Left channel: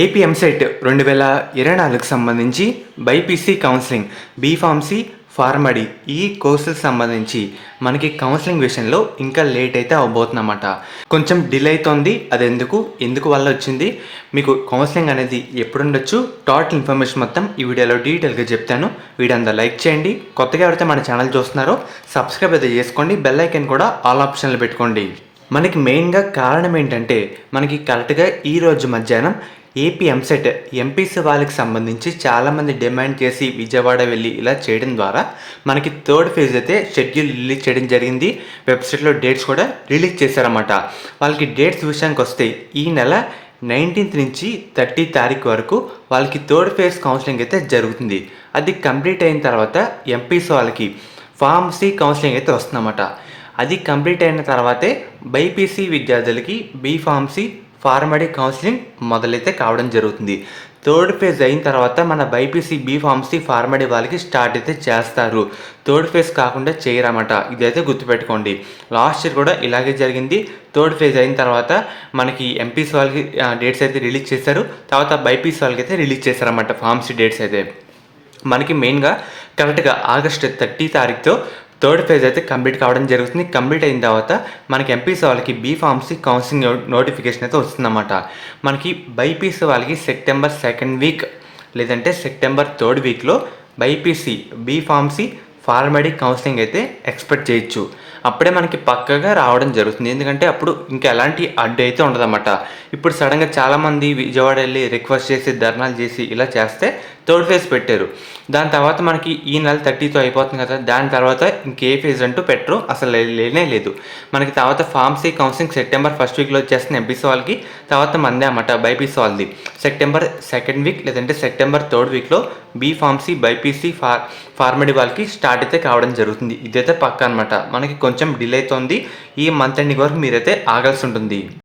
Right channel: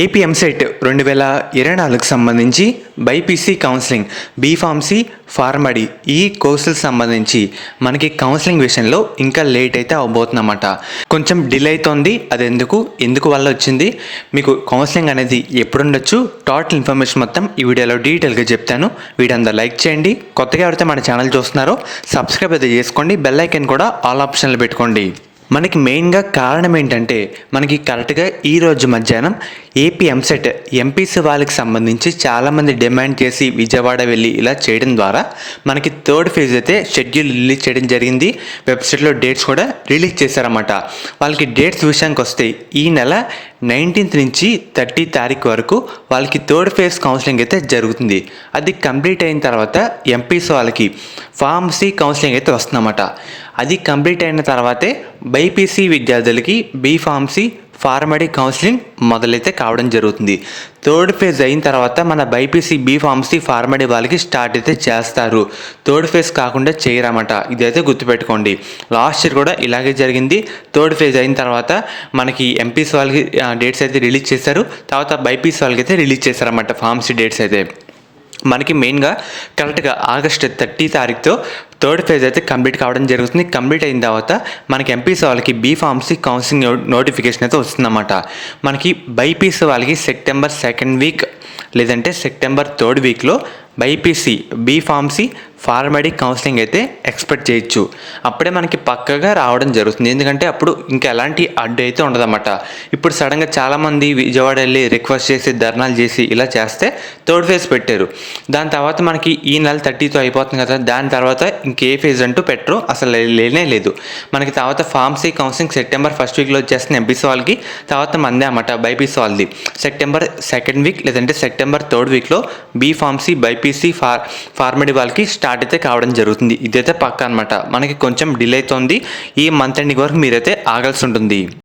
AP EAMCET 2024కు సంబంధించి BiPC counselling B Pharmacy PharmD ఈ కోర్సులకు సంబంధించి మనకి కౌన్సిలింగ్ విషయంలో ఇంకా లేట్ అయితే అవబోతుందన్నమాట. కొంచెం డిలే అవుతుంది. అది ఎందుకు వల్ల వచ్చింది, మీకు కౌన్సిలింగ్ అనేది ఎప్పుడు ఉండొచ్చు, టోటల్ ఇన్ఫర్మేషన్ మొత్తం ఈ వీడియోలో డీటెయిల్గా చెప్తాను. వీడియో అంతా లైక్ చేయండి. కొత్తగా ఎవరైతే మన ఛానల్ చూస్తున్నారో సబ్స్క్రైబ్ అయితే చేసుకోండి. బెల్ ఐకాన్ కూడా ఆల్ ఆప్షన్లు పెట్టుకోండి. మనకి మెయిన్గా కారణం ఏంటంటే, మనకి కరెక్ట్గా ఈరోజు మధ్యాహ్నం ఏపీ ఎంసెట్ ఎంపీసీ వాళ్ళకి సంబంధించి చాలామంది డిమాండ్ చేసి విజయవాడ వెళ్ళి ఇలా చేయడం ద్వారా మనకి థర్డ్ ఫేజ్ అయితే షెడ్యూల్ రిలీజ్ చేయడం జరిగింది. వెబ్సైట్లో డేట్స్ కూడా రిలీజ్ చేశారన్నమాట. వాళ్ళకి డేట్స్ విషయానికి వస్తే ఈ నెల 19th నుంచి 30 తారీఖు వరకు వాళ్ళకి థర్డ్ ఫేజ్ కౌన్సిలింగ్ అయితే జరుగుతుంది. అది కంప్లీట్ అయిన తర్వాత ఎంపీసీ వాళ్ళకి ఫార్మసీ కౌన్సిలింగ్ అయితే వస్తుందన్నమాట. అది కంప్లీట్ అయిన తర్వాతే బైపీసీ విద్యార్థులకి బీఫార్మసీ ఫార్మడీ కౌన్సిలింగ్ మొదలైతే కావడం జరుగుతుంది. థర్డ్ ఫేజ్ అయిన తర్వాత మన బైపీసీ బీఫార్మసీ ఫార్మడీ వాళ్ళకి స్టార్ట్ అయితే చేస్తారు. థర్డ్ ఫేజ్ కాకుండా చేయరన్నమాట. ఇదైతే గుర్తుపెట్టుకోండి. లాస్ట్ ఇయర్ కూడా ఇలాగే జరిగింది. థర్డ్ ఫేజ్ అయిన తర్వాత మనకి ఎంపీసీ వాళ్ళకి డేట్స్ అయితే రిలీజ్ చేశారు. తర్వాత బైపీసీ వాళ్ళకి అయితే రిలీజ్ చేశారన్నమాట ఫార్మసీ డేట్స్ అయితే. మనకి మెయిన్గా కరెక్ట్గా ఆగస్టు 30 తారీఖుతో థర్డ్ ఫేజ్ అయితే కంప్లీట్ కావడం జరుగుతుంది. కంప్లీట్ అయిన తర్వాత మనకి ఎంపీసీ వాళ్ళకి బీఫార్మసీ కౌన్సిలింగ్ నోటిఫికేషన్ అయితే వస్తుందన్నమాట. మనకి బైపీసీ వాళ్ళకి సెప్టెంబర్ 2nd వీక్ లేదంటే సెప్టెంబర్ 3rd వీక్లో బైపీసీ బీఫార్మసీ ఫార్మడీ కౌన్సిలింగ్ అయితే ఎక్స్పెక్ట్ చేయొచ్చు. అప్పుడే మనకి పక్కగా రావడం జరుగుతుంది. ఎందుకంటే అప్పుడు ఇంకా ఎలాంటి అడ్డు అయితే ఉండదన్నమాట. ఇప్పుడు సడన్గా చాలామంది విజయవాడ వెళ్ళి రిక్వెస్ట్ చేసి ధర్నాలు చేసి ఇలా చేస్తే థర్డ్ ఫేజ్ పెట్టారు. దాని తర్వాత మనకి ఈ నెల 30తో అయిపోతుంది కదా, దాని తర్వాత ఇంకే ఫేజ్ అంటూ పెట్టరు, అసలు లేనే లేదు. మనకి తర్వాత ఫార్మసీ కౌన్సిలింగ్ సెప్టెంబర్ 1st వీక్లో వచ్చేస్తుంది ఎంపీసీ వాళ్ళకి. తర్వాత మందే అన్నమాట బైపీసీ వాళ్ళది సెప్టెంబర్ 2nd వీక్ లేదంటే సెప్టెంబర్ 3rd వీక్లో బీఫార్మసీ బైపీసీ ఫార్మడీ వాళ్ళకి స్టార్ట్ అయితే కావడం జరుగుతుంది. ఇదైతే పక్కా అనమాట. మనకి కొంచెం డిలే అవుతుంది. ఈ మంత్ ఎండింగ్ వరకు మీరైతే ఆగాల్సి ఉంటుంది.